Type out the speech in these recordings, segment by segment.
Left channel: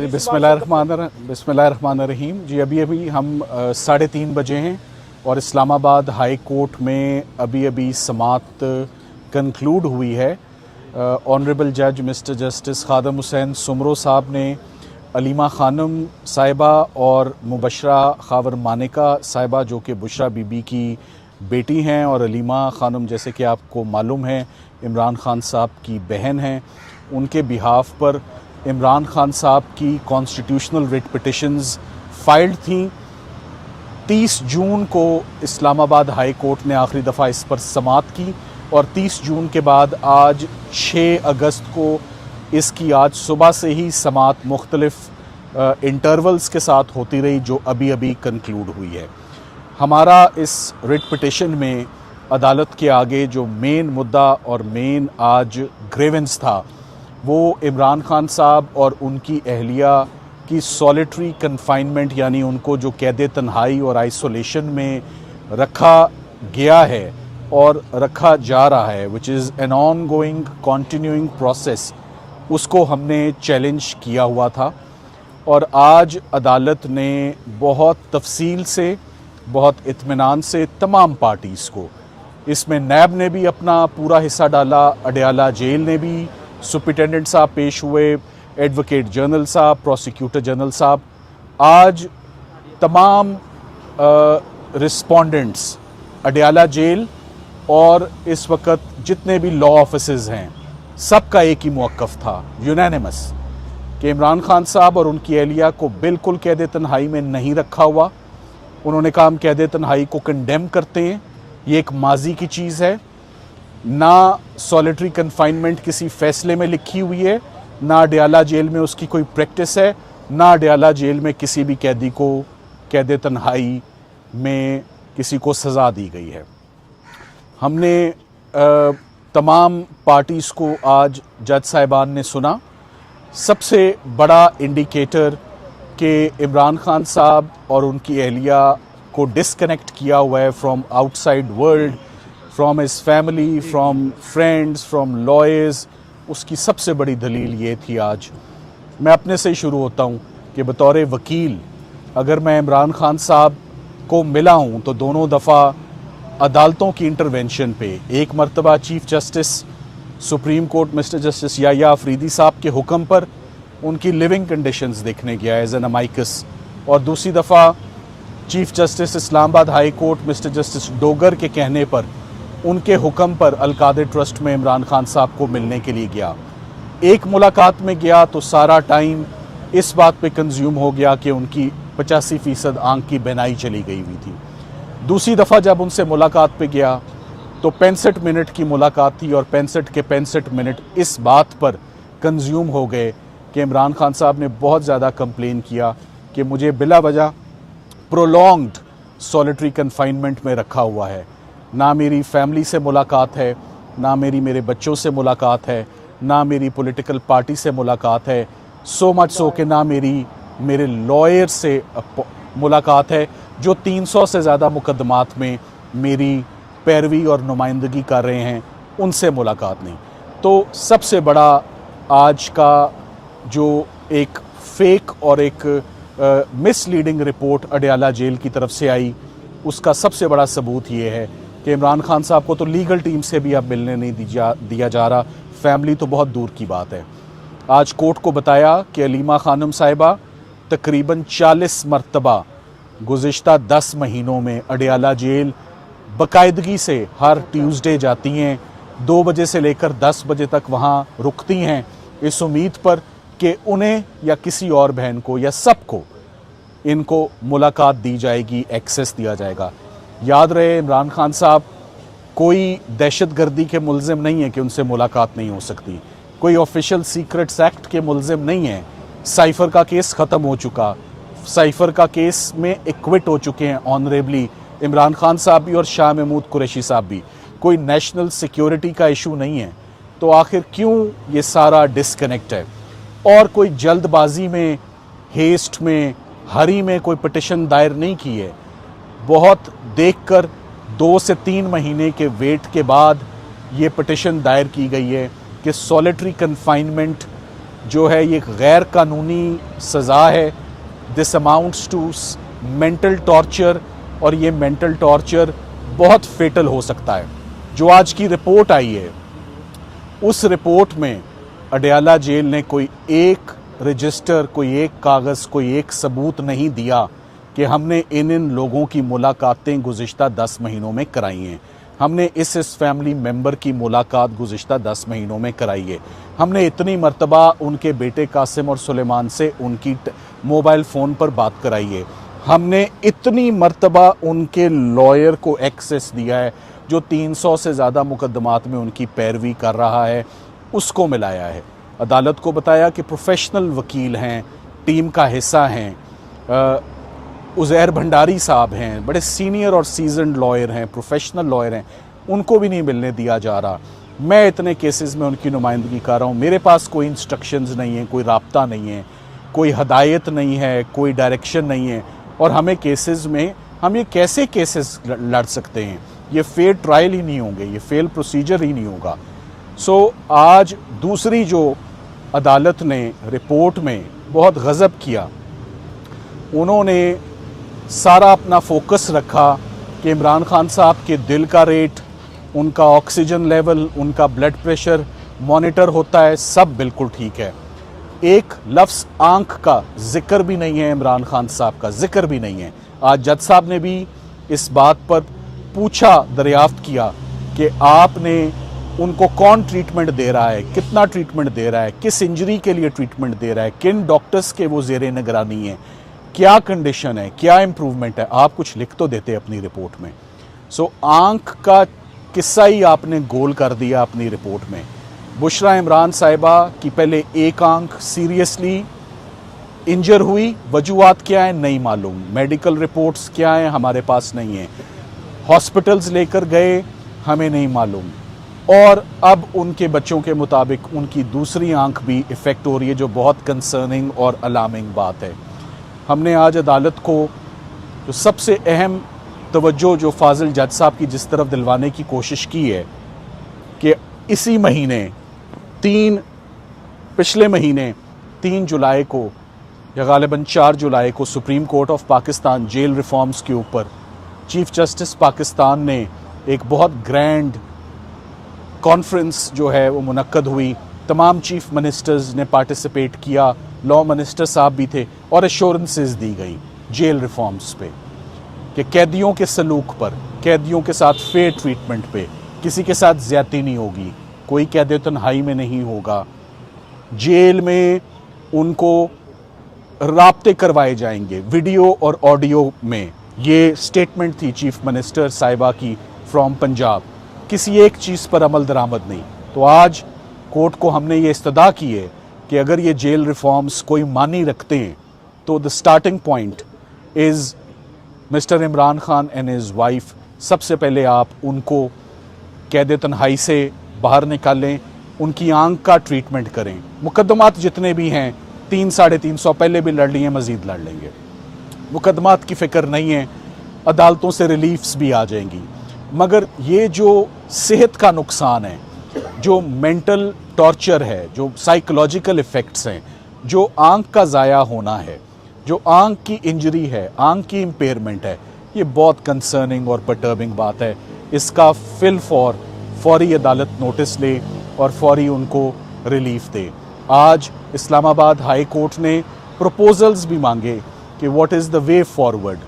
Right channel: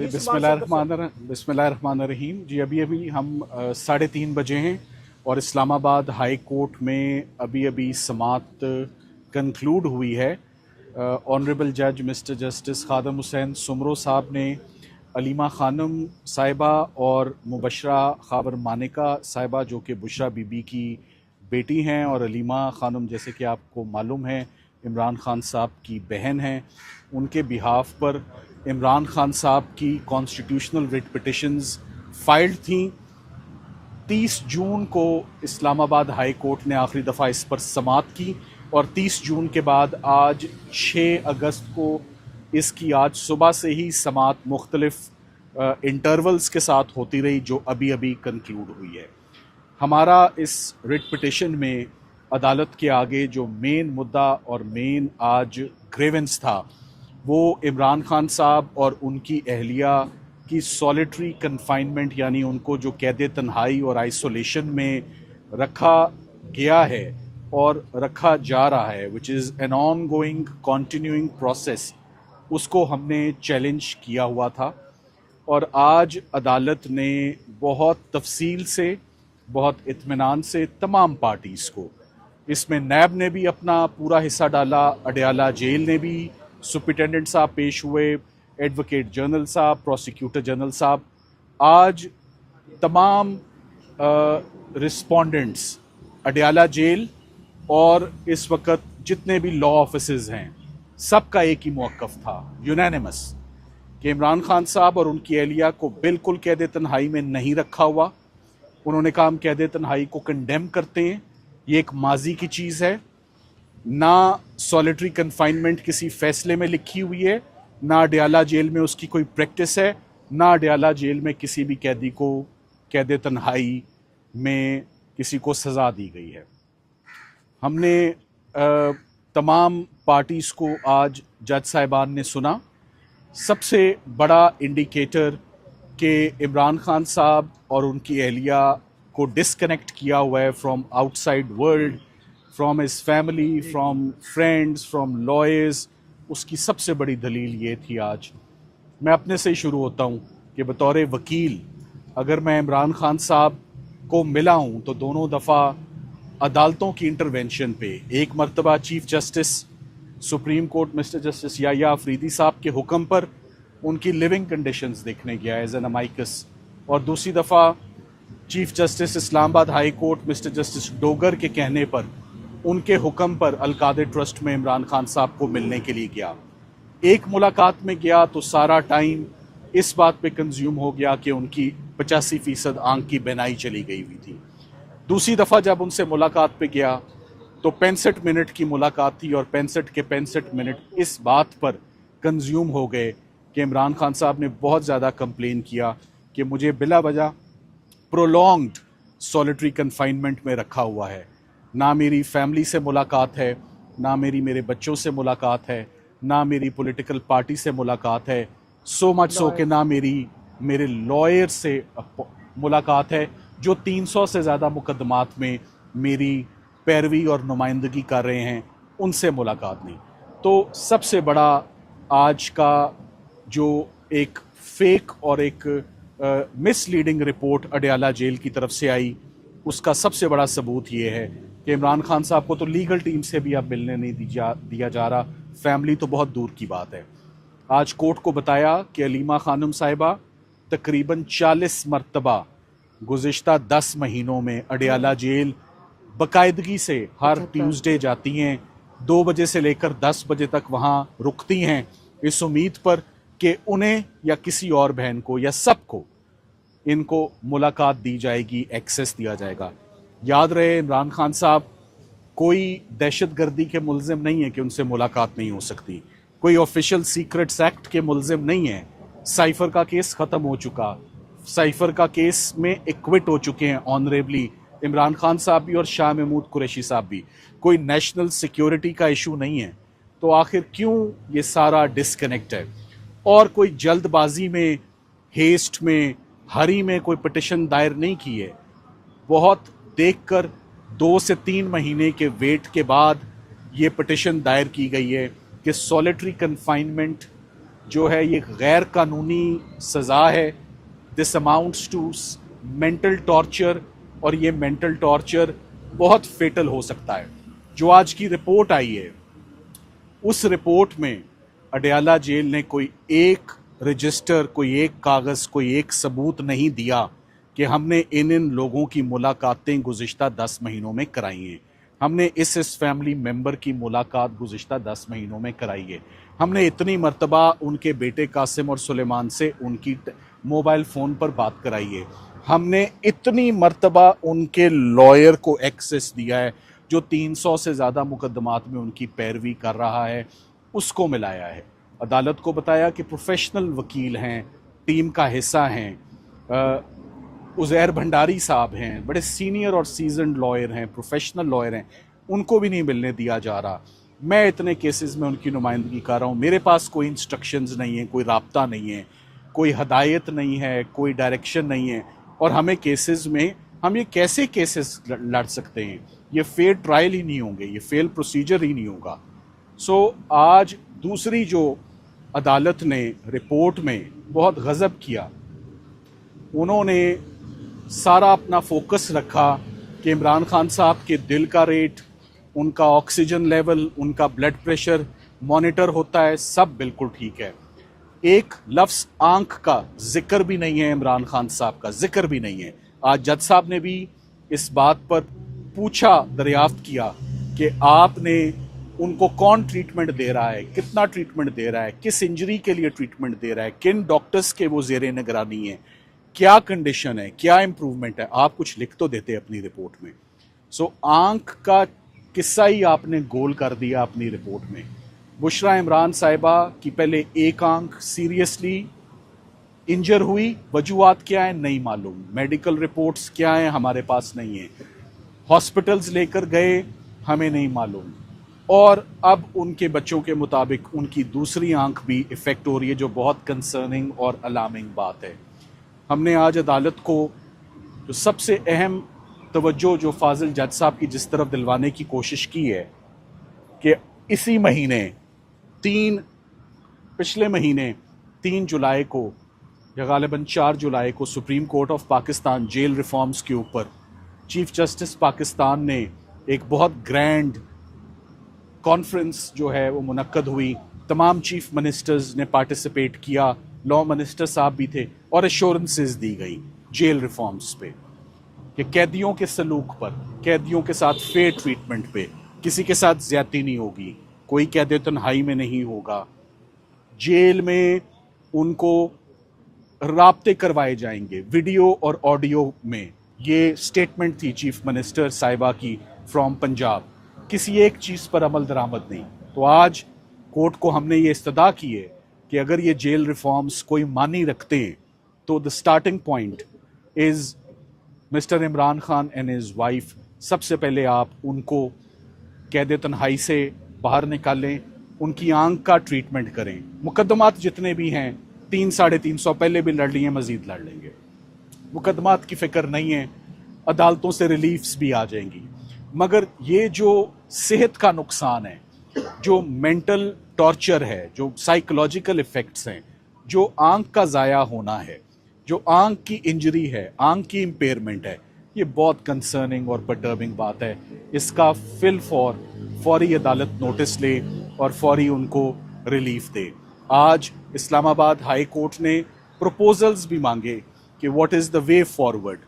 बिस्मिल्लाहिर्रहमानिर्रहीम जी। अभी हम 3:30 बजे हैं और इस्लामाबाद हाई कोर्ट में अभी समाअत कंक्लूड हुई है। ऑनरेबल जज मिस्टर जस्टिस खादम हुसैन सुमरो साहब ने अलीमा खानम साहिबा और मुबशरा खावर मानिका साहिबा, जो कि बुशरा बीबी की बेटी हैं, और अलीमा खानम जैसे कि आपको मालूम है इमरान खान साहब की बहन हैं, उनके बिहाफ पर इमरान खान साहब की कॉन्स्टिट्यूशनल रिट पिटिशंस फाइल्ड थी। 30 जून को इस्लामाबाद हाई कोर्ट ने आखिरी दफ़ा इस पर समाअत की और 30 जून के बाद आज 6 अगस्त को इसकी आज सुबह से ही समाअत मुख्तलिफ इंटरवल्स के साथ होती रही, जो अभी कंक्लूड हुई है। हमारा इस रिट पिटिशन में अदालत के आगे जो मेन मुद्दा और मेन आज ग्रेवेंस था वो इमरान खान साहब और उनकी अहलिया की सॉलिटरी कन्फाइनमेंट, यानी उनको जो कैद तन्हाई और आइसोलेशन में रखा गया है और रखा जा रहा है, which is an on going continuing process, उसको हमने चैलेंज किया हुआ था। और आज अदालत ने बहुत तफसील से, बहुत इत्मीनान से तमाम पार्टीज़ को, इसमें नैब ने भी अपना पूरा हिस्सा डाला, अडयाला जेल ने भी, सुप्रिटेंडेंट साहब पेश हुए, एडवोकेट जनरल साहब, प्रोसिक्यूटर जनरल साहब, आज तमाम रिस्पोंडेंट्स अडयाला जेल और इस वक्त जितने भी लॉ ऑफिसर्स हैं, सबका एक ही मौक़िफ़ था यूनानिमस कि इमरान खान साहब और उनकी अहलिया को बिल्कुल कैद तन्हाई में नहीं रखा हुआ। उन्होंने कहा हम कैद तन्हाई को कंडेम करते हैं, ये एक माजी की चीज़ है, ना सॉलिटरी कन्फाइनमेंट किसी फैसले में लिखी हुई है, ना अडयाला जेल में उसकी कोई प्रैक्टिस है, ना अडयाला जेल में किसी भी कैदी को कैद तन्हाई में किसी को सज़ा दी गई है। हमने तमाम पार्टीज़ को आज जज साहिबान ने सुना। सबसे बड़ा इंडिकेटर कि इमरान खान साहब और उनकी अहलिया को डिस्कनेक्ट किया हुआ है from outside world, from his family, from friends, from lawyers, उसकी सबसे बड़ी दलील ये थी। आज मैं अपने से ही शुरू होता हूँ कि बतौर वकील अगर मैं इमरान खान साहब को मिला हूँ तो दोनों दफ़ा अदालतों की इंटरवेंशन पे, एक मरतबा chief justice supreme court mister justice Yahya Afridi साहब के हुक्म पर उनकी लिविंग कंडीशंस देखने गया एज एन अमाइकस, और दूसरी दफ़ा chief justice Islamabad high court mister justice Dogar के कहने पर उनके हुक्म पर अलकादर ट्रस्ट में इमरान खान साहब को मिलने के लिए गया। एक मुलाकात में गया तो सारा टाइम इस बात पे कंज्यूम हो गया कि उनकी 85% आंख की बेनाई चली गई हुई थी। दूसरी दफ़ा जब उनसे मुलाकात पे गया तो 65 मिनट की मुलाकात थी और 65 के 65 मिनट इस बात पर कंज्यूम हो गए कि इमरान खान साहब ने बहुत ज़्यादा कंप्लेन किया कि मुझे बिला वजह प्रोलॉन्ग्ड सॉलिटरी कन्फाइनमेंट में रखा हुआ है, ना मेरी फैमिली से मुलाकात है, ना मेरे बच्चों से मुलाकात है, ना मेरी पॉलिटिकल पार्टी से मुलाकात है, सो मच सो कि ना मेरे लॉयर से मुलाकात है, जो 300 से ज़्यादा मुकदमात में मेरी पैरवी और नुमाइंदगी कर रहे हैं, उनसे मुलाकात नहीं। तो सबसे बड़ा आज का जो एक फेक और एक मिसलीडिंग रिपोर्ट अडयाला जेल की तरफ से आई, उसका सबसे बड़ा सबूत ये है कि इमरान खान साहब को तो लीगल टीम से भी अब मिलने नहीं दिया जा रहा, फैमिली तो बहुत दूर की बात है। आज कोर्ट को बताया कि अलीमा खानम साहिबा तकरीबन 40 मरतबा गुज़िश्ता 10 महीनों में अडयाला जेल बाकायदगी से हर ट्यूसडे जाती हैं, 2 बजे से लेकर 10 बजे तक वहाँ रुकती हैं, इस उम्मीद पर कि उन्हें या किसी और बहन को या सबको इनको मुलाकात दी जाएगी, एक्सेस दिया जाएगा। याद रहे इमरान खान साहब कोई दहशतगर्दी के मुल्ज़िम नहीं है कि उनसे मुलाकात नहीं हो सकती, कोई ऑफिशियल सीक्रेट्स एक्ट के मुल्ज़िम नहीं है। साइफ़र का केस ख़त्म हो चुका, साइफ़र का केस में एक्विट हो चुके हैं ऑनरेबली इमरान खान साहब भी और शाह महमूद कुरैशी साहब भी, कोई नेशनल सिक्योरिटी का इशू नहीं है। तो आखिर क्यों ये सारा डिस्कनेक्ट है? और कोई जल्दबाजी में, हेस्ट में, हरी में कोई पिटिशन दायर नहीं की है। बहुत देखकर 2 से 3 महीने के वेट के बाद ये पिटिशन दायर की गई है कि सॉलिटरी कन्फाइनमेंट जो है ये गैर कानूनी सज़ा है। This amounts to mental torture, और ये मेंटल टॉर्चर बहुत फेटल हो सकता है। जो आज की रिपोर्ट आई है, उस रिपोर्ट में अडयाला जेल ने कोई एक रजिस्टर, कोई एक कागज़, कोई एक सबूत नहीं दिया कि हमने इन लोगों की मुलाकातें गुज़िश्ता 10 महीनों में कराई हैं। हमने इस फैमिली मेंबर की मुलाकात गुज़िश्ता 10 महीनों में कराई है। हमने इतनी मर्तबा उनके बेटे कासिम और सुलेमान से उनकी मोबाइल फ़ोन पर बात कराई है। हमने इतनी मर्तबा उनके लॉयर को एक्सेस दिया है जो 300 से ज़्यादा मुकदमात में उनकी पैरवी कर रहा है, उसको मिलाया है। अदालत को बताया कि प्रोफेशनल वकील हैं, टीम का हिस्सा हैं, उज़ैर भंडारी साहब हैं, बड़े सीनियर और सीजनड लॉयर हैं, प्रोफेशनल लॉयर हैं, उनको भी नहीं मिलने दिया जा रहा। मैं इतने केसेस में उनकी नुमाइंदगी कर रहा हूँ, मेरे पास कोई इंस्ट्रक्शंस नहीं है, कोई राब्ता नहीं है, कोई हदायत नहीं है, कोई डायरेक्शन नहीं है, और हमें केसेस में हम ये कैसे केसेस लड़ सकते हैं? ये फेयर ट्रायल ही नहीं होंगे, ये फेयर प्रोसीजर ही नहीं होगा। सो आज दूसरी जो अदालत ने रिपोर्ट में बहुत गज़ब किया, उन्होंने सारा अपना फोकस रखा कि इमरान खान साहब के दिल का रेट, उनका ऑक्सीजन लेवल, उनका ब्लड प्रेशर मॉनिटर होता है, सब बिल्कुल ठीक है। एक लफ्ज़ आंख का जिक्र भी नहीं है, इमरान खान साहब का जिक्र भी नहीं है। आज जज साहब ने भी इस बात पर पूछा, दरियाफ्त किया कि आपने उनको कौन ट्रीटमेंट दे रहा है, कितना ट्रीटमेंट दे रहा है, किस इंजरी के लिए ट्रीटमेंट दे रहा है, किन डॉक्टर्स के वो ज़ेरे निगरानी है, क्या कंडीशन है, क्या इम्प्रूवमेंट है। आप कुछ लिख तो देते अपनी रिपोर्ट में। सो आंख का किस्सा ही आपने गोल कर दिया अपनी रिपोर्ट में। बुशरा इमरान साहिबा की पहले एक आंख सीरियसली इंजर हुई, वजूहात क्या है नहीं मालूम, मेडिकल रिपोर्ट्स क्या हैं हमारे पास नहीं है, हॉस्पिटल्स लेकर गए हमें नहीं मालूम, और अब उनके बच्चों के मुताबिक उनकी दूसरी आंख भी इफ़ेक्ट हो रही है, जो बहुत कंसर्निंग और अलार्मिंग बात है। हमने आज अदालत को जो सबसे अहम तवज्जो जो फाजिल जज साहब की जिस तरफ दिलवाने की कोशिश की है कि इसी महीने पिछले महीने 3 जुलाई को या गालिबन 4 जुलाई को supreme court of Pakistan jail reforms के ऊपर चीफ जस्टिस पाकिस्तान ने एक बहुत ग्रैंड कॉन्फ्रेंस जो है वो मुनक्कद हुई। तमाम चीफ मिनिस्टर्स ने पार्टिसिपेट किया, लॉ मिनिस्टर साहब भी थे, और एश्योरेंसेस दी गई जेल रिफॉर्म्स पे कि कैदियों के सलूक पर, कैदियों के साथ फेयर ट्रीटमेंट पे, किसी के साथ ज्यादती नहीं होगी, कोई कैद तन्हाई में नहीं होगा, जेल में उनको राब्ते करवाए जाएंगे वीडियो और ऑडियो में। ये स्टेटमेंट थी चीफ मिनिस्टर साहिबा की फ्रॉम पंजाब। किसी एक चीज़ पर अमल दरामद नहीं। तो आज कोर्ट को हमने ये इस्तदा की है कि अगर ये जेल रिफॉर्म्स कोई मानी रखते हैं तो the starting point is mister Imran Khan and his wife. सबसे पहले आप उनको कैद तन्हाई से बाहर निकालें, उनकी आंख का ट्रीटमेंट करें। मुकदमात जितने भी हैं 300-350 पहले भी लड़ लिए, मज़ीद लड़ लेंगे, मुकदमात की फ़िक्र नहीं है, अदालतों से रिलीफ्स भी आ जाएंगी। मगर ये जो सेहत का नुकसान है, जो मेंटल टॉर्चर है, जो साइकोलॉजिकल इफ़ेक्ट्स हैं, जो आंख का ज़ाया होना है, जो आंख की इंजरी है, आंख की इम्पेयरमेंट है, ये बहुत कंसर्निंग और परटर्बिंग बात है। इसका फौरी अदालत नोटिस ले और फौरी उनको रिलीफ दे। आज इस्लामाबाद हाई कोर्ट ने प्रपोजल्स भी मांगे कि what is the way forward,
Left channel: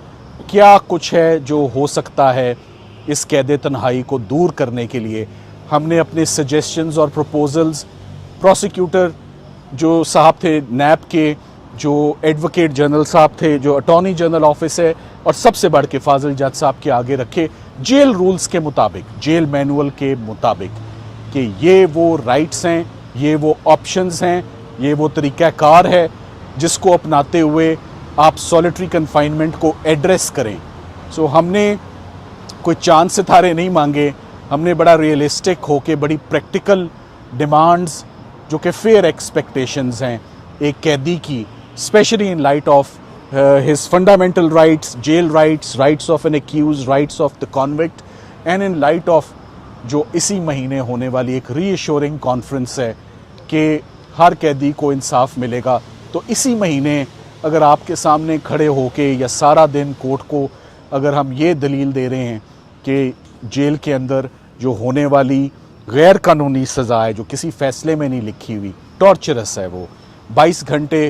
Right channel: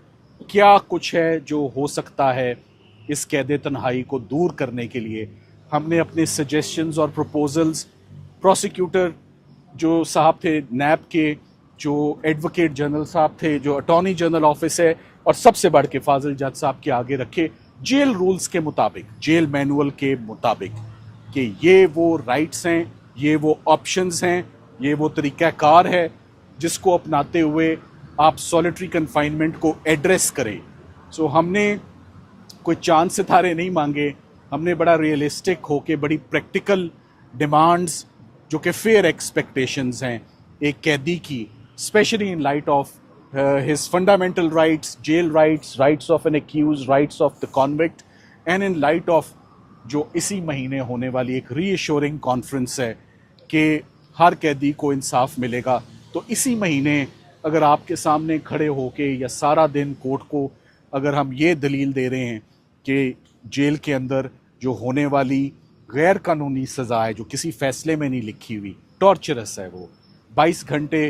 क्या कुछ है जो हो सकता है इस कैद तन्हाई को दूर करने के लिए। हमने अपने सजेशंस और प्रपोजल्स प्रोसिक्यूटर जो साहब थे नैब के, जो एडवोकेट जनरल साहब थे, जो अटॉर्नी जनरल ऑफिस है, और सबसे बढ़ के फाजिल जज साहब के आगे रखे, जेल रूल्स के मुताबिक, जेल मैनुअल के मुताबिक, कि ये वो राइट्स हैं, ये वो ऑप्शंस हैं, ये वो तरीक़ाकार है जिसको अपनाते हुए आप सॉलिटरी कन्फाइनमेंट को एड्रेस करें। सो हमने कोई चांद सितारे नहीं मांगे, हमने बड़ा रियलिस्टिक होके बड़ी प्रैक्टिकल डिमांड्स जो कि फेयर एक्सपेक्टेशंस हैं एक कैदी की, specially in light of his fundamental rights, jail rights, rights of an accuse, rights of the convict, and in light of जो इसी महीने होने वाली एक रीअश्योरिंग कॉन्फ्रेंस है कि हर कैदी को इंसाफ मिलेगा। तो इसी महीने अगर आपके सामने खड़े होके या सारा दिन कोर्ट को अगर हम ये दलील दे रहे हैं कि जेल के अंदर जो होने वाली गैर कानूनी सज़ा है जो किसी फ़ैसले में नहीं लिखी हुई, टॉर्चरस है, वो 22 घंटे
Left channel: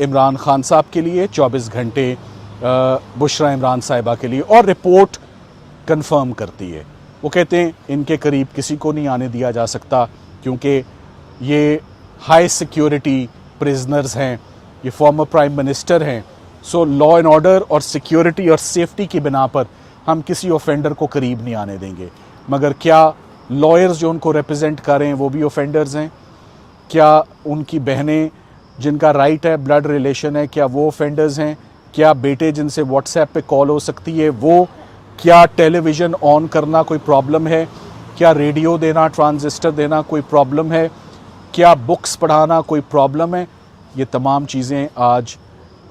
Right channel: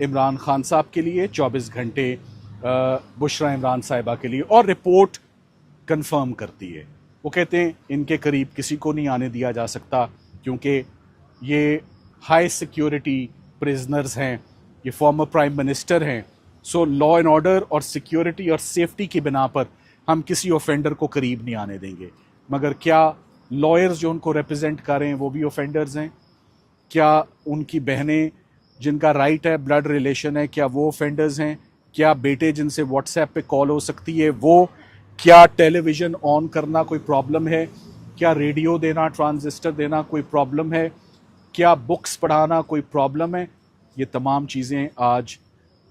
इमरान खान साहब के लिए, 24 घंटे बुशरा इमरान साहिबा के लिए, और रिपोर्ट कंफर्म करती है। वो कहते हैं इनके करीब किसी को नहीं आने दिया जा सकता क्योंकि ये हाई सिक्योरिटी प्रिजनर्स हैं, ये फॉर्मर प्राइम मिनिस्टर हैं। सो लॉ एंड ऑर्डर और सिक्योरिटी और सेफ्टी की बिना पर हम किसी ऑफेंडर को करीब नहीं आने देंगे। मगर क्या लॉयर्स जो उनको रिप्रेजेंट कर रहे हैं वो भी ऑफेंडर्स हैं? क्या उनकी बहनें जिनका राइट है, ब्लड रिलेशन है, क्या वो ऑफेंडर्स हैं? क्या बेटे जिनसे व्हाट्सएप पे कॉल हो सकती है वो? क्या टेलीविज़न ऑन करना कोई प्रॉब्लम है? क्या रेडियो देना, ट्रांजिस्टर देना कोई प्रॉब्लम है? क्या बुक्स पढ़ाना कोई प्रॉब्लम है? ये तमाम चीज़ें आज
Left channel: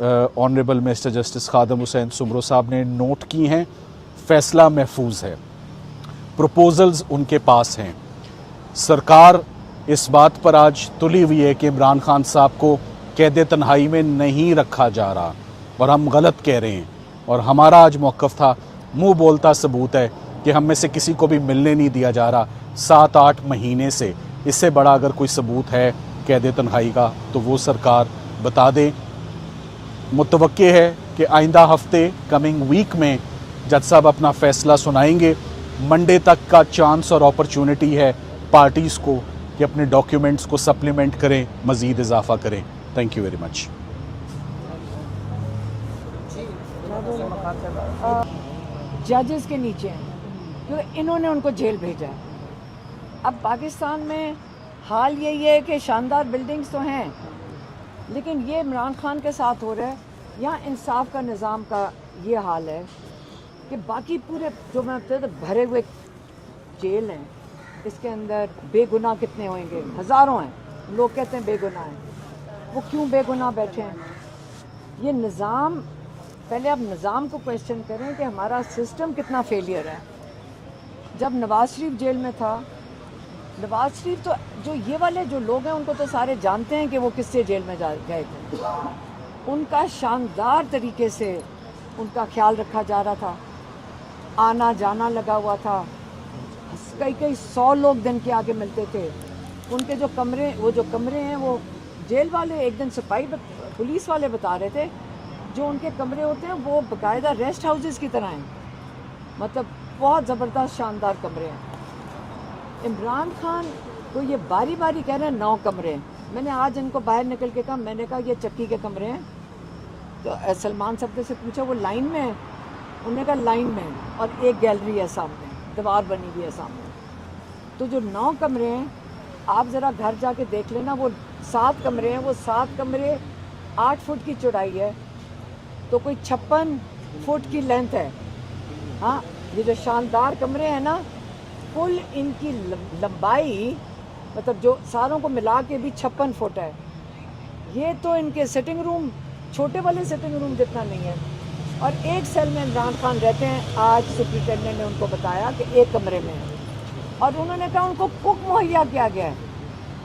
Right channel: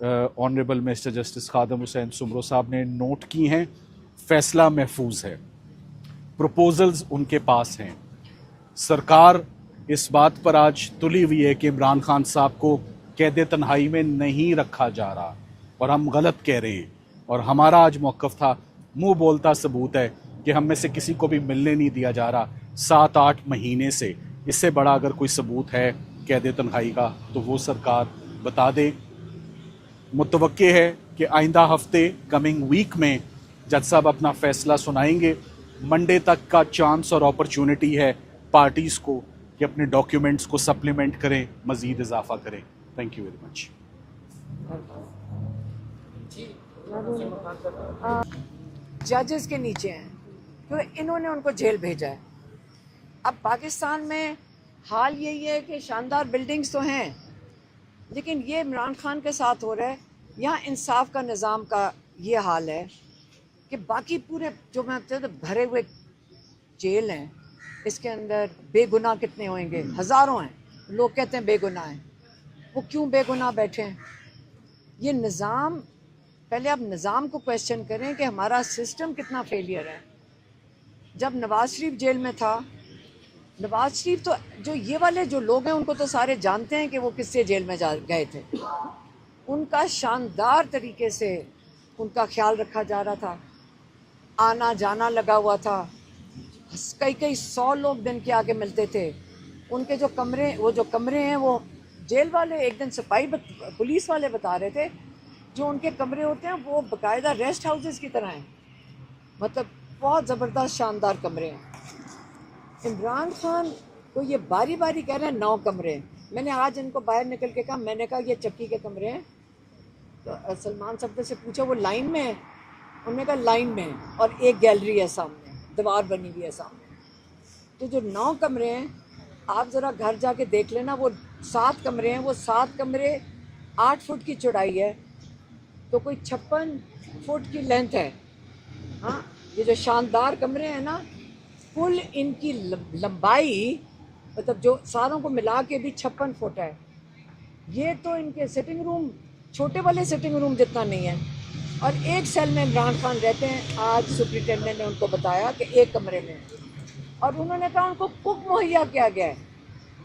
honourable mister justice Khadam Hussain Soomro साहब ने नोट की हैं। फ़ैसला महफूज है, प्रपोजल्स उनके पास हैं। सरकार इस बात पर आज तुली हुई है कि इमरान खान साहब को कैद तन्हाई में नहीं रखा जा रहा और हम गलत कह रहे हैं। और हमारा आज मौक़िफ़ था, मुंह बोलता सबूत है कि हम में से किसी को भी मिलने नहीं दिया जा रहा 7-8 महीने से। इससे बड़ा अगर कोई सबूत है कैद तन्हाई का तो वो सरकार बता दे। मुतवक्के है कि आइंदा हफ्ते, कमिंग वीक में जज साहब अपना फ़ैसला सुनाएंगे। मंडे तक का चांस और अपॉर्चुनिटी है पार्टीज़ को कि अपने डॉक्यूमेंट्स को सप्लीमेंट करें, मज़ीद इजाफा करें। Thank you very much. जजेस के नीचे हैं क्योंकि इन्होंने उनको जेल भेजा है। अब पाकिस्तान में हाल यही है कि शानदार बिल्डिंग्स तो हैं, लेकिन ये इमरान खान के साथ हो रहा है। यहाँ इंसाफ का निज़ाम का ये हाल है कि बाकी पूरे जो मैं कहते भरे हुए जेल हैं, इसके अंदर बेगुनाह कितने होंगे? हज़ारों हैं। लोग कहते हैं बेगुनाह हैं, वो क्यों बेगुनाह बैठे हैं? ये निज़ाम, पहले अब निज़ाम को क्वेश्चन करें कि हमारा सिस्टम कितना फेलियर है। जब नवाज शरीफ जेल में था, नवाज शरीफ तो जो ये वाले जो लोग हैं उनको तो सारे जानते हैं कि वो किससे जेल में जा गए थे। उनका शानदार तरीके से उनका ख्याल रखा जा रहा था, आना जाना लगा हुआ था। कई 100 लोग दिन के आके मिलते थे। उनके जो कमरे, वो जो कमरे हैं वो जेल वाले, एक दिन सिपाही पुलिस वाले बता रहे थे, जो उनके कमरे होते हैं वो बाकायदा रेस्ट हाउसेस की तरह हैं। मतलब बहुत ज़बरदस्त शानदार कमरे हैं। इमरान खान तो ये बारी बारी कह रहे हैं 9 कमरे हैं। मैंने आज इनको बाहर निकल के कहा, मैंने कहा ये चक्की के कमरे हैं। तो सलमान साहब से पूछा वो लाइन में है? उन्होंने कहा लाइन में है, और एक गैलरी है सामने, दीवार बनी हुई है सामने। तो जो 9 कमरे हैं, आप ज़रा घर जाके देख लेना, वो 7 कमरे हैं। वो 7 कमरे 8 फुट की चौड़ाई है, तो कोई 56 फुट की लेंथ है। हाँ, ये जो शानदार कमरे हैं ना, कुल इनकी लंबाई मतलब जो सारों को मिला के भी 56 फुट है। ये तो इनके सिटिंग रूम, छोटे वाले सिटिंग रूम जितना नहीं है। और एक सेल में इमरान खान रहते हैं। आज सुप्रिटेंडेंट ने उनको बताया कि एक कमरे में है, और उन्होंने कहा उनको कुक मुहैया किया गया है।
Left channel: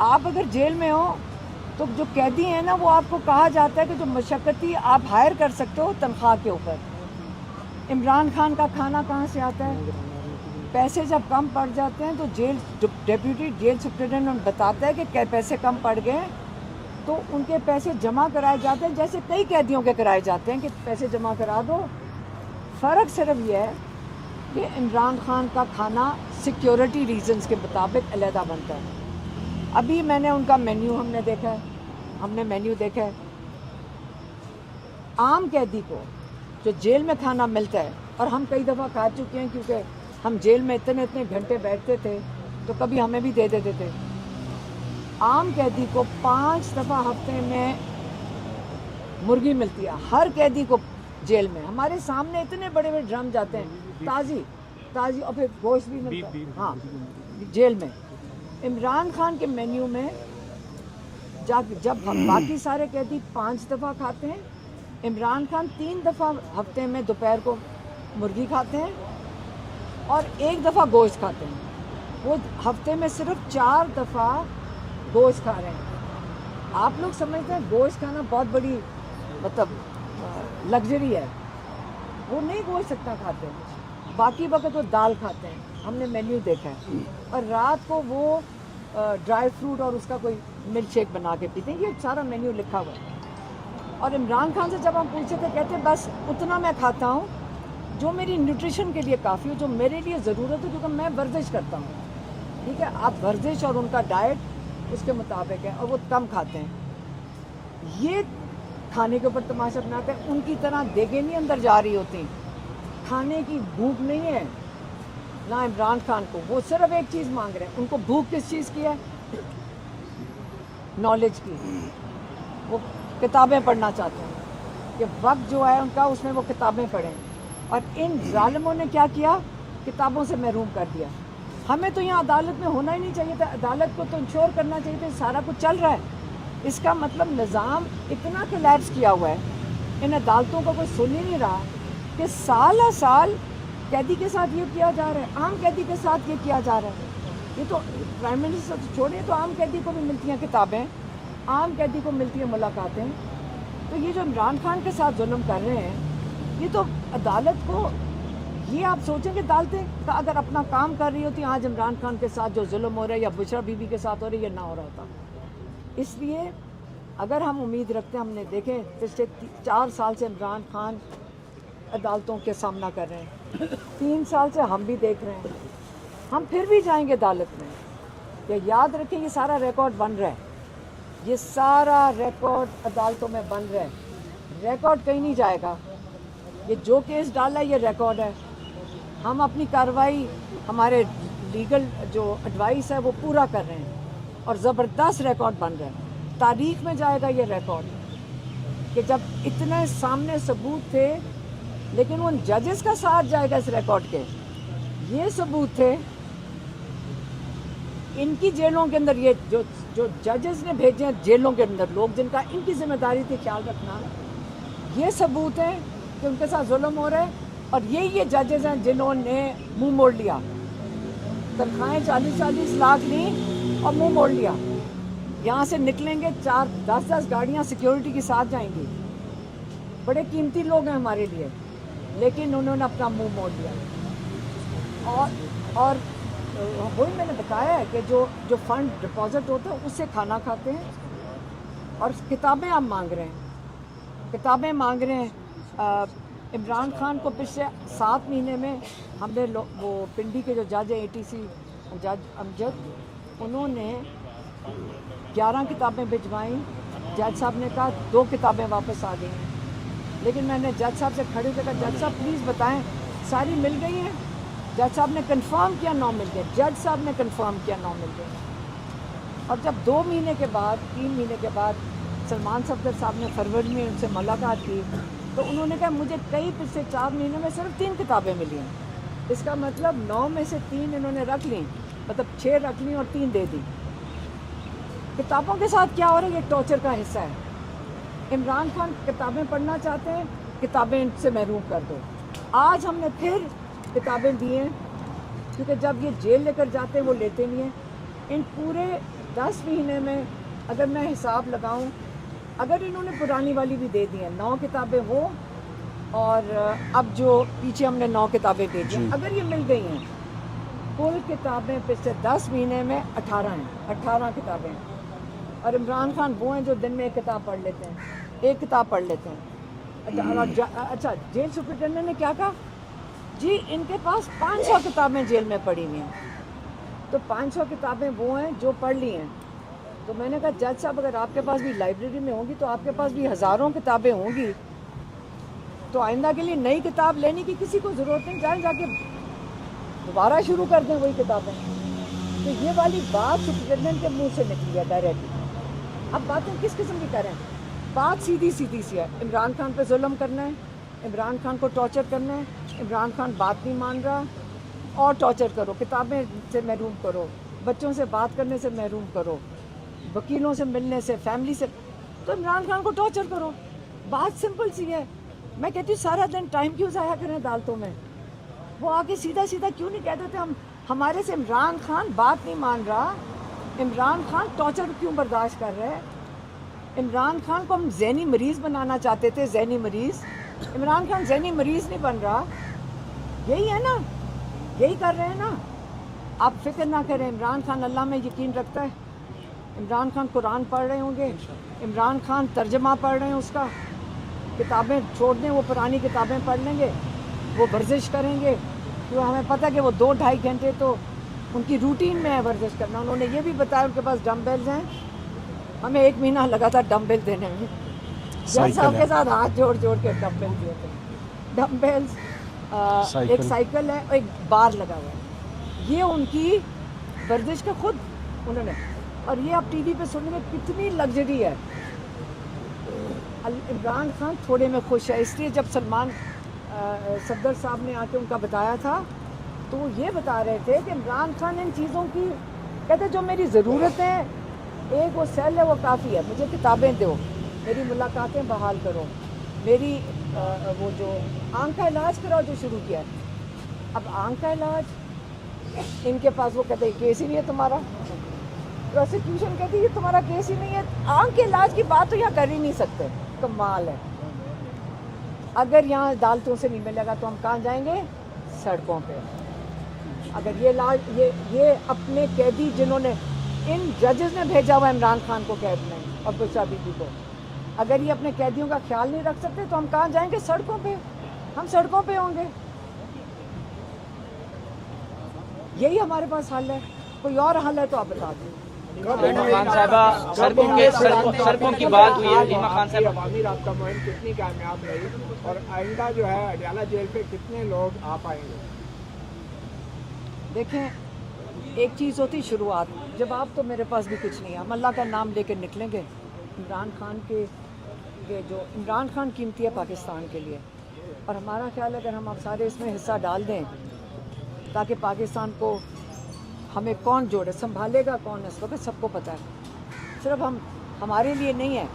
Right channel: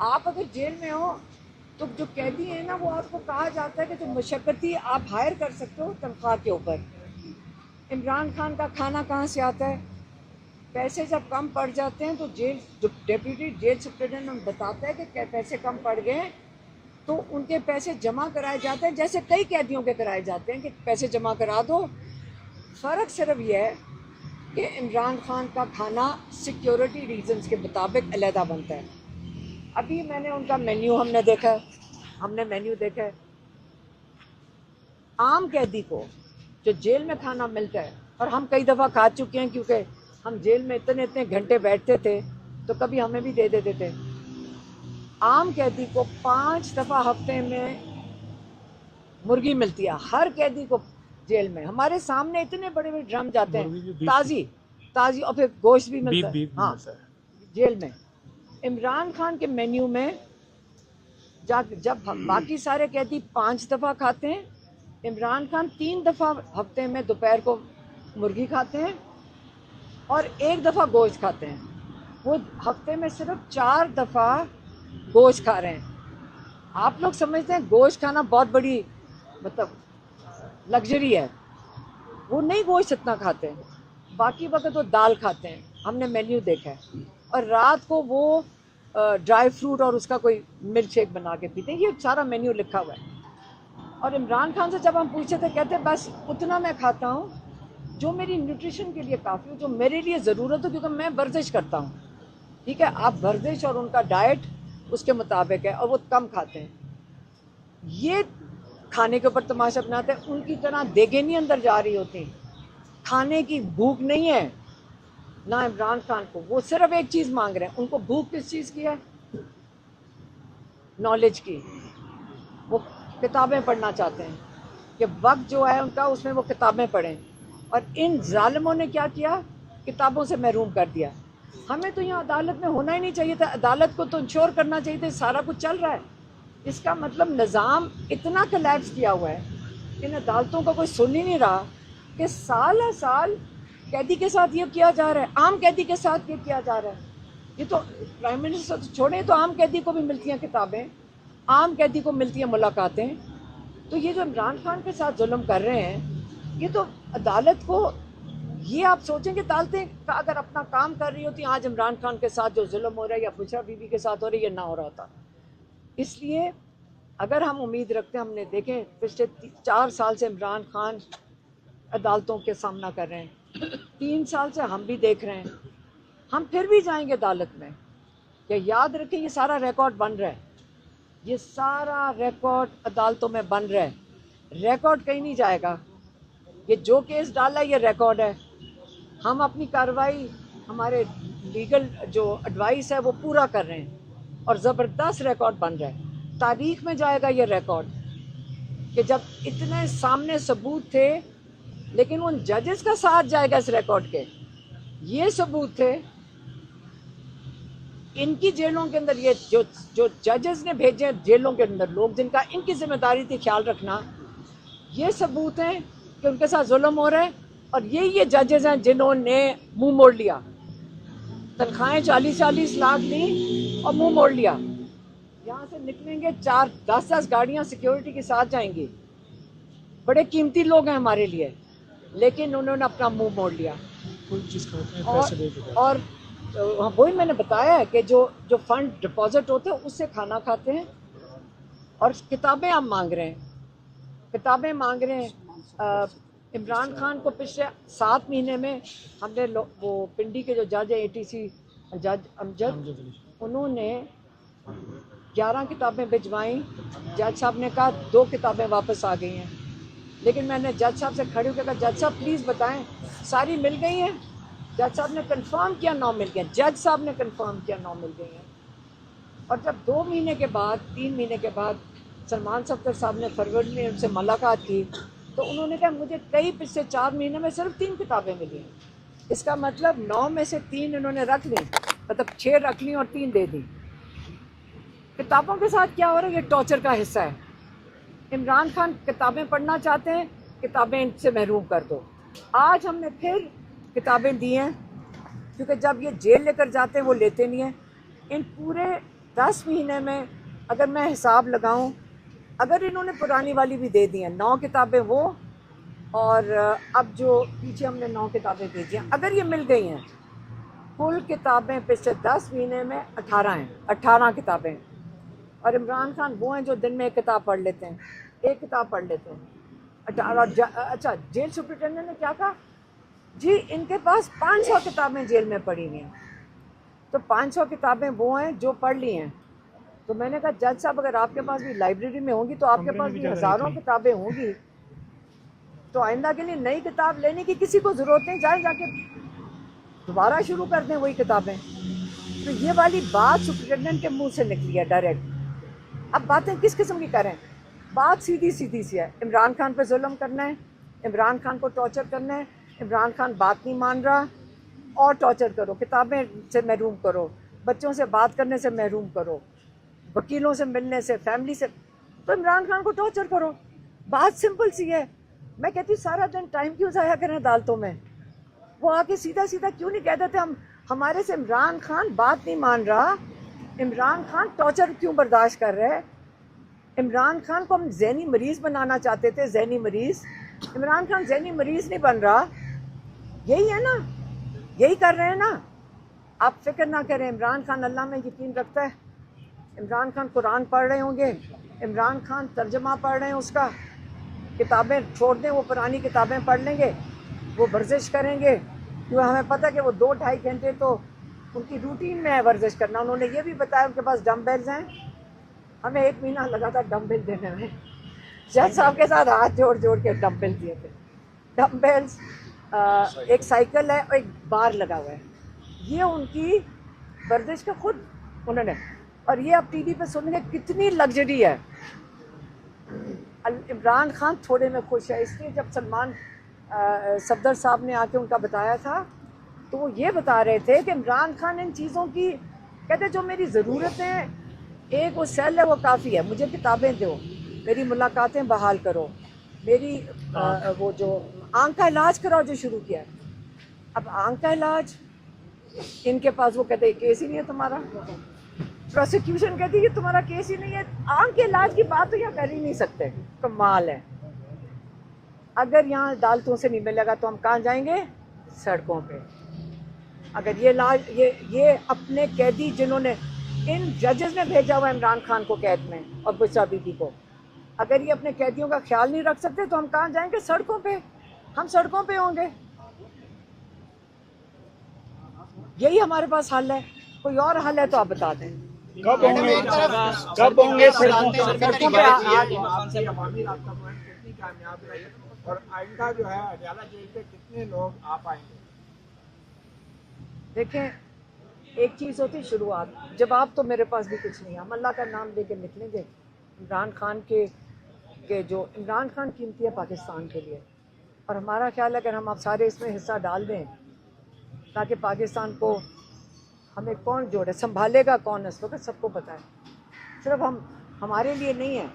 आप अगर जेल में हो तो जो कैदी हैं ना, वो आपको कहा जाता है कि जो मशक्क़ती आप हायर कर सकते हो तनख्वाह के ऊपर। इमरान खान का खाना कहाँ से आता है? पैसे जब कम पड़ जाते हैं तो जेल जो डेप्यूटी जेल सुप्रिटेंडेंट बताता है कि पैसे कम पड़ गए तो उनके पैसे जमा कराए जाते हैं, जैसे कई कैदियों के कराए जाते हैं कि पैसे जमा करा दो। फ़र्क सिर्फ ये है कि इमरान खान का खाना सिक्योरिटी रीजंस के मुताबिक अलहदा बनता है। अभी मैंने उनका मेन्यू हमने मेन्यू देखा है। आम कैदी को जो जेल में खाना मिलता है, और हम कई दफ़ा खा चुके हैं क्योंकि हम जेल में इतने घंटे बैठते थे, तो कभी हमें भी दे देते थे। आम कैदी को 5 दफ़ा हफ्ते में मुर्गी मिलती है, हर कैदी को जेल में। हमारे सामने इतने बड़े बड़े ड्रम जाते हैं, ताज़ी और फिर गोश्त भी मिलता है। हाँ, जेल में। इमरान खान के मेन्यू में जब बाकी सारे कैदी 5 दफ़ा खाते हैं, इमरान खान 3 दफ़ा हफ्ते में दोपहर को मुर्गी खाते हैं और 1 दफ़ा गोश्त खाते हैं। वो हफ्ते में सिर्फ 4 दफ़ा गोश्त खा रहे हैं। आप लोग समझते हैं गोश्त खाना बहुत बड़ी मतलब लग्जरी है, वो नहीं गोश्त इतना खाते हैं, बाकी वक्त वो दाल खाते हैं, हमने मेन्यू देखा है, और रात को वो ड्राई फ्रूट और उसका कोई मिल्क शेक बना के पीते हैं, ये सारा मेन्यू लिखा हुआ है। और इमरान खान से जब हम पूछे थे कहते बस उतना मैं खाता हूँ जो मेरी न्यूट्रिशन के लिए काफ़ी हो, जो मेरे लिए ज़रूरत हो, क्योंकि मैं वर्जिश करता हूँ। ठीक है, आप वर्जिश और उनका डाइट उसके मुताबिक है, और वो कम खाते हैं। ये खाने के ऊपर तमाशा बनाते हैं, उनकी तरह देखें नहीं अंदर जा रही होती, खाने की भूख नहीं है ना इमरान खान को। वो सिर्फ एक चीज़ मांग रहे हैं, उनको भूख किस चीज़ की है? नॉलेज की। वो किताबें पढ़ना चाहते हैं कि वक्त जो है उनका उसमें वो किताबें पढ़ें, और इन जालिमों ने क्या किया? किताबों से महरूम कर दिया। हमें तो यहाँ अदालत में होना ही नहीं चाहिए था, अदालत को तो इंश्योर करना चाहिए था सारा कुछ चल रहा है। इसका मतलब निज़ाम इतना कोलैप्स किया हुआ है, इन अदालतों को कोई सुन ही नहीं रहा कि साल हर साल कैदी के साथ ये किया जा रहा है, आम कैदी के साथ ये किया जा रहा है। ये तो प्राइम मिनिस्टर तो छोड़े, तो आम कैदी को भी मिलती हैं किताबें, आम कैदी को मिलती है मुलाकातें। तो ये जो इमरान खान के साथ जुल्म कर रहे हैं, ये तो अदालत को, ये आप सोचें कि अदालतें अगर अपना काम कर रही होती, आज इमरान खान के साथ जो जुल्म हो रहा है या बुशरा बीबी के साथ हो रही है, ये ना हो रहा था। इसलिए अगर हम उम्मीद रखते हैं, हमने देखे पिछले 4 साल से इमरान खान अदालतों के सामना कर रहे हैं, 3 साल से हम भी देख रहे हैं, हम फिर भी जाएंगे अदालत में। ये याद रखें, ये सारा रिकॉर्ड बन रहा है, ये सारा रिकॉर्ड अदालतों में बन रहा है, रिकॉर्ड कहीं नहीं जाएगा। ये जो केस डाला है ये रिकॉर्ड है, हम अपनी कार्रवाई, हमारे लीगल जो एडवाइस है वो पूरा कर रहे हैं, और ज़बरदस्त रिकॉर्ड बन रहा है। तारीख में जाएगा ये रिकॉर्ड कि जब इतने सामने सबूत थे, लेकिन उन जजेस का साथ जाएगा इस रिकॉर्ड के। ये सबूत थे इनकी जेलों के अंदर, ये जो जजेस ने भेजे हैं जेलों के अंदर लोग, जिनका इनकी जिम्मेदारी थी ख्याल रखना, ये सबूत हैं कि उनके साथ जुल्म हो रहे हैं। और ये जजेस हैं जिन्होंने मुंह मोड़ लिया, तनख्वाहें 40-40 लाख ली और मुंह मोड़ लिया। यहाँ से निकलेंगे 4-10 गाड़ियाँ सिक्योरिटी के साथ जाएंगी, बड़े कीमती लोग हैं हमारे लिए, लेकिन उन्होंने अपना मुंह मोड़ लिया। और वही मैंने बताया है कि जो फंड डिपॉजिट होता है उससे खाना खाते हैं, और किताबें हम मांग रहे हैं, किताबें मांग रहे हैं। इमरान खान को पिछले 7 महीने में हमने वो पिंडी के जो जज है ATC जज अमजद, उन्होंने 11 किताबें भिजवाई। जज साहब ने कहा 2 किताबें वापस आ गई हैं, लेकिन मैंने जज साहब से खड़ी होकर कहा, जज साहब प्लीज़ बताएं सारी मिल गई हैं? जज साहब ने कंफर्म किया 9 मिल गया, जज साहब ने कंफर्म किया 9 मिल गए। और जब 2 महीने के बाद 3 महीने के बाद सलमान साहब ने फरवरी में उनसे मुलाकात की, तो उन्होंने कहा मुझे कई पिछले 4 महीने में सिर्फ 3 किताबें मिली हैं। इसका मतलब 9 में से 3 उन्होंने रख ली, मतलब 6 रख ली और 3 दे दी। किताबों के साथ क्या हो रहा है? ये टॉर्चर का हिस्सा है। इमरान खान किताबें पढ़ना चाहते हैं, किताबें इनसे महरूम कर दो। आज हमने फिर किताबें दी हैं, क्योंकि जब ये जेल लेकर जाते हैं वो लेते नहीं हैं। इन पूरे 10 महीने में अगर मैं हिसाब लगाऊं, अगर इन्होंने पुरानी वाली भी दे दी हैं 9 किताबें वो, और अब जो पीछे हमने 9 किताबें दे दी, अगर ये मिल गई हैं, कुल किताबें पिछले 10 महीने में 18 हैं, 18 किताबें। और इमरान खान वो हैं जो दिन में 1 किताब पढ़ लेते हैं, 1 किताब पढ़ लेते हैं। अच्छा, जेल सुप्रिटेंडेंट ने क्या कहा जी, इनके पास 500 किताबें जेल में पड़ी हुई हैं। तो 500 किताबें वो हैं जो पढ़ ली हैं। तो मैंने कहा जज साहब अगर आपके पास भी लाइब्रेरी में होंगी तो आपके पास भी हज़ारों किताबें होंगी, तो आइंदा के लिए नई किताब लेने की किसी को ज़रूरत नहीं, चाहे जाके दोबारा शुरू कर दें वही किताबें। तो ये वाली बात सुप्रिटेंडेंट के मुँह से निकली है डायरेक्ट। अब बातें किस किस्म की करें? बात सीधी सीधी सी है, इमरान खान पे जुल्म करना है, इमरान खान को टॉर्चर करना है। इमरान खान बात नहीं मान रहा, और टॉर्चर करो, किताबें से महरूम करो, बच्चों से बात करने से महरूम करो, वकीलों से मिलने से, फैमिली से, तो इमरान खान को टॉर्चर करो। बात सिंपल सी है। मैं कहती हूँ सारा दिन टाइम क्यों ज़ाया करें अदालतों में? वो आगे सीधा सीधा क्यों नहीं कहते थे हम हमारे से इमरान खान बात नहीं मान रहा, इमरान खान टॉर्चर क्यों बर्दाश्त कर रहा है? इमरान खान को हम जहनी मरीज बनाना चाहते थे, जहनी मरीज। इमरान खान जहनी मरीज नहीं बन रहा, यही है ना, यही कर रहे हैं ना। आप फिक्र ना करें, इमरान खान अल्लाह में यकीन रखता है। इमरान खान कुरान पढ़ रहे होंगे, इमरान खान तर्जमा पढ़ रहे हैं उसका, किताबें छोड़ दें, वो पुरानी किताबें पढ़ लेंगे, वो वर्जिश करेंगे। तो हमें पता है कि वो 2-2.5 घंटे तो उनकी रूटीन में है वर्जिश करना। उन्होंने ये भी बताया उनके पास डम्बेल्स हैं। हमें 1 महीना लगा था डम्बेल देने में, जज साहब के साथ हाथ जोड़ जोड़ के डम्बेल दिए थे। डम्बेल्स, एक साइकिल है और एक बार लगा हुआ है, ये उनकी वर्जिश का खुद उन्होंने। और ये अब टीवी पे सुनेंगे कितनी लग्जरी है। इमरान खान थोड़े में खुश है, इसलिए जब सफदर साहब ने आके उनका बताया था तो वो ये बता रहे थे कि इमरान खान इन चीज़ों की, कहते जो मेरी ज़रूरतें हैं, एक वो सेल है वो काफ़ी है, मुझे किताबें दो, मेरी मुलाकातें बहाल करो, मेरी वो जो आँख का इलाज कराओ जो शुरू किया है। अब आँख का इलाज इनके पास, वो कहते हैं केस ही नहीं है तुम्हारा। प्रोसिक्यूशन कहती है तुम्हारा केस ही नहीं है, आँख के इलाज की बात तो यहाँ कर ही नहीं सकते। कमाल है। अगर यहाँ अदालतों से नहीं मिलेगा तो हम कहाँ जाएंगे? सड़कों पे। अगर ये इलाज, ये अपने कैदी जिन्होंने, इन जजेस ने भेजा हुआ इमरान खान को कैद में और पुष्पा बीबी को, अगर ये अपने कैदियों का ख्याल नहीं रख सकते तो हम कहाँ जाएंगे? सड़कों पे। हम सड़कों पे होंगे, यही हमारे पास हल है। कोई और हल है तो आप बता दें। खान साहबा सड़कों की बात हुई है, रीमा खान साहबा, अवामी राब्ता मुहिम कितनी कामयाब रही और आइंदा जो है अडियाला जेल पे कितने लोग आ पाएंगे? देखें, एक चीज़ होती शुरुआत, जब आप तो मेरे पास भी कुछ नहीं है, हम अल्लाह का नाम लेकर निकलेंगे। इमरान खान के जो इमरान खान कीमती है पाकिस्तान के लिए, और हमारा ख्याल है अगर हम आप सारे इसमें हिस्सा डाल दें ताकि पाकिस्तान को, हमें कौन जोड़े, संभालेगा कौन है इस वक्त सबको पता है। सिर्फ हमारे लिए नहीं है,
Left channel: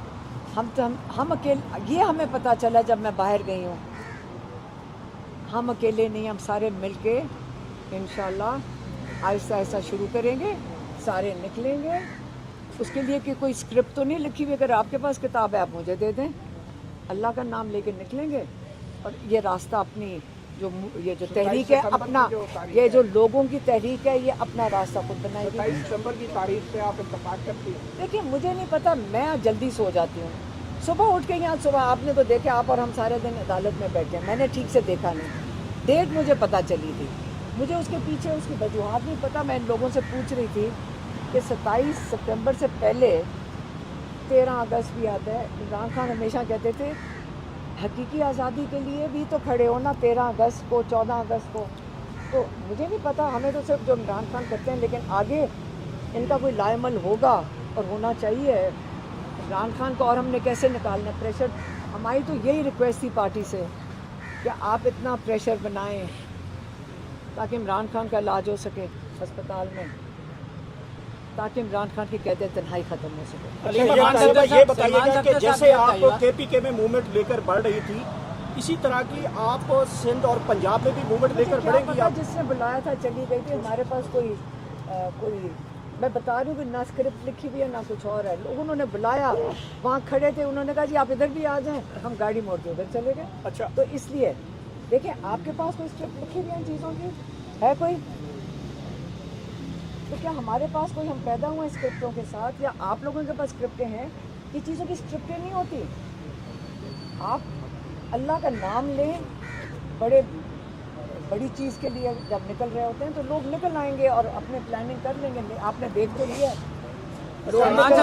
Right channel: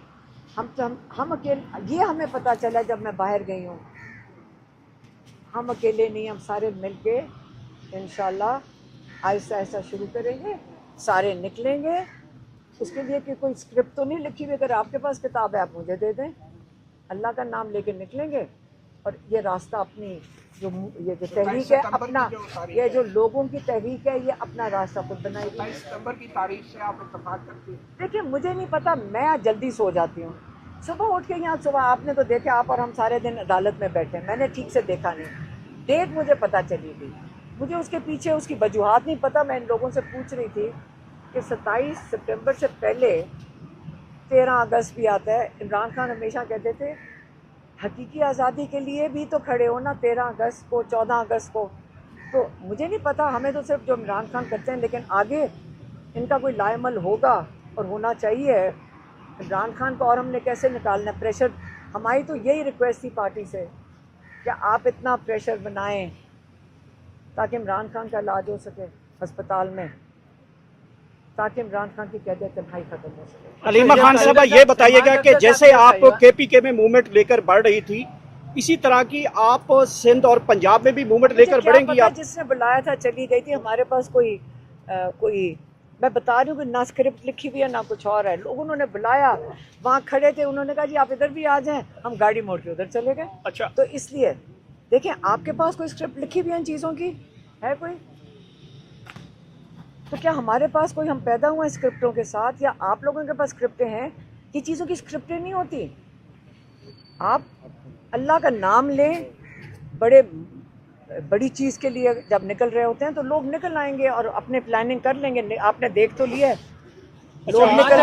हम अकेले, ये हमें पता चला जब मैं बाहर गई हूँ, हम अकेले नहीं, हम सारे मिल के इंशाल्लाह आहिस्ता आहिस्ता शुरू करेंगे, सारे निकलेंगे। उसके लिए कि कोई स्क्रिप्ट तो नहीं लिखी हुई, अगर आपके पास किताब है आप मुझे दे दें, अल्लाह का नाम लेके निकलेंगे। और ये रास्ता अपनी ये जो तहरीक है अपना, ये जो लोगों की तहरीक है, ये अपना रास्ता खुद बनाएगी। 27 सितंबर की तारीख से आप इत्तेफाक करती हैं? देखिए, मुझे नहीं पता, मैं जल्दी सो जाती हूँ। सुबह उठ के यहाँ, सुबह आपने तो देखा, आप और हम सारे दिन अदालत में बैठे हैं, मैंने ठीक से देखा नहीं। डेट मुझे पता चली थी, मुझे उसके पीछे उसकी वजूहात नहीं पता। मैं इन लोगों से पूछ रही थी कि 27 सितंबर से पहले 13 अगस्त भी आता है। इमरान खान हमेशा कहते थे हकीकी आज़ादी के लिए भी तो खड़े हो ना, 13 अगस्त को, 14 अगस्त को। तो मुझे नहीं पता, हमें तो सिर्फ जो इमरान खान करते हैं, लेकिन आगे इनका कोई लाएमल होगा और होना चाहिए इमरान खान को। और हमने कैसे निकालना प्रेशर, हमारी तो यही रिक्वेस्ट थी पार्टी से कि आप इतना प्रेशर बनाएं ताकि इमरान खान का इलाज हो सके अस्पताल में, ताकि इमरान खान की कैद तन्हाई ख़त्म हो सके। हलीमा खान साहबा, ये बताइएगा कि जैसे आप KPK में मूवमेंट लेकर बढ़ रही थी, इसी तरह की आप सिंध और पंजाब में भी मूवमेंट लेकर बढ़ेंगी? आप जिसने बुलाया था चली गई थी, हमारे पास कोई मैं बता रही हूँ कि ना स्क्रिप्ट लिखी हुई है ना कुछ और है। लोगों ने बुलाया, वहाँ खड़े थे, उन्होंने कहा जी आप इधर भी आ जाएं, हम गाड़ी मोड़ के उधर चले गए। अच्छा, तो इसलिए देखिए, आपके पास कोई स्क्रिप्ट लिखी हुई है इन चीज़ों की है कोई? तो क्या हमारे पास कोई, हम पैदा हुए हैं स्क्रिप्टों के साथ, या आप लोगों के पास स्क्रिप्टें हैं? ये चीज़ों की स्क्रिप्टें नहीं होती। आप अल्लाह का नाम लें, बड़ी चीज़ के लिए जब निकल रहे होते हैं तो लोग निकल आएंगे और अपने प्लानिंग कर लेंगे। आपने देख तो लिया है, लोग निकल